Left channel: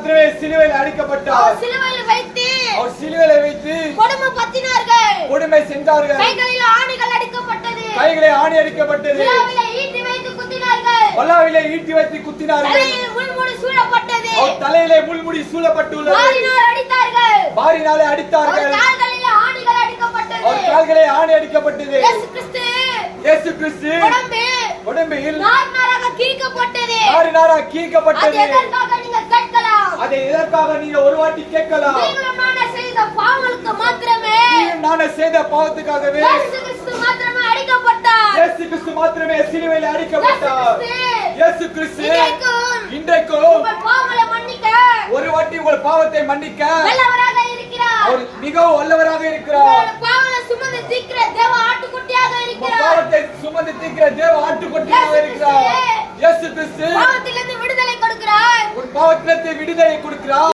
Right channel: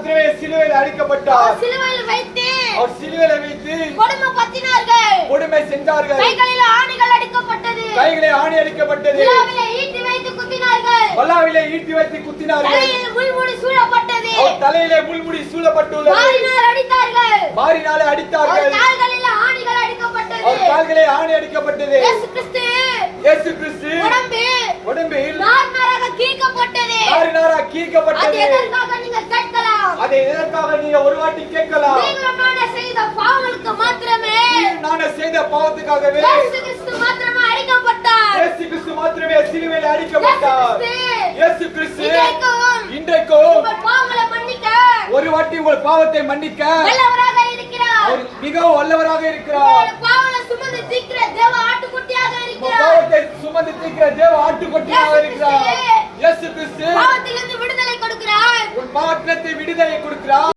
மாத்திரமே சிலுவையில் அடிக்கப்பட்டார். சிலுவையில் வைத்து அவர் சிலுவையில் வைத்து கொடுமை செஞ்சார்கள். கைகளில் ஆணிகள் அடிக்கப்பட்டது. கைகளை ஆணி அடிக்கப்பட்டது. விலாவிலே ஈட்டி வைத்து குத்தினார்கள். வல்லாவிலே ஈட்டி வைத்து குத்தினார்கள். தலையிலே முள்முடி சூழப்பட்டது. அவர் தலையிலே முள்முடி சூழப்பட்டுள்ளது. மாரினால் அடித்தார்கள். மாரினாலே அடித்தார்கள். அவர் கால்களில் ஆணிகள் அடிக்கப்பட்டது. அவர் கால்களே ஆணி அடிக்கப்பட்டது. இயேசு கிறிஸ்து உடம்பில் நாராக கீறப்பட்டது. நாராக கீறப்பட்டது. அது எதற்காக நீங்க கேட்கலாம். அதை எதற்காக நீங்க ஒரு வாட்டி கேட்கலாம். நீங்களும் நானும் செய்த பாவங்களுக்கு மாத்திரமே. நானும் செய்த பாவத்துக்காகவே இயேசு கிறிஸ்து மாத்திரமே அடிக்கப்பட்டார். இயேசு கிறிஸ்து மாத்திரமே சிலுவையில் அடிக்கப்பட்டார். இயேசு கிறிஸ்து இன்றைக்கும் உங்கள் பாவங்களை மன்னிக்க ஒரு வாட்டி உங்கள் பாவத்தை மன்னிக்க வல்லவராக இருக்கிறார். அவர் மிகவும் வல்லவராக இருக்கிறார். உங்கள் பாவங்களை சுமந்து தீர்க்கிற தேவ ஆட்டுக்குட்டியாக இருக்கிறார். பாவத்தை சுமந்து தீர்க்கிற தேவ ஆட்டுக்குட்டியாக இருக்கிறார். இயேசு கிறிஸ்து பாவத்திலிருந்து விடுதலை கொடுக்கிறார். உன் பாவத்திலிருந்து விடுதலை கொடுக்கிறார்.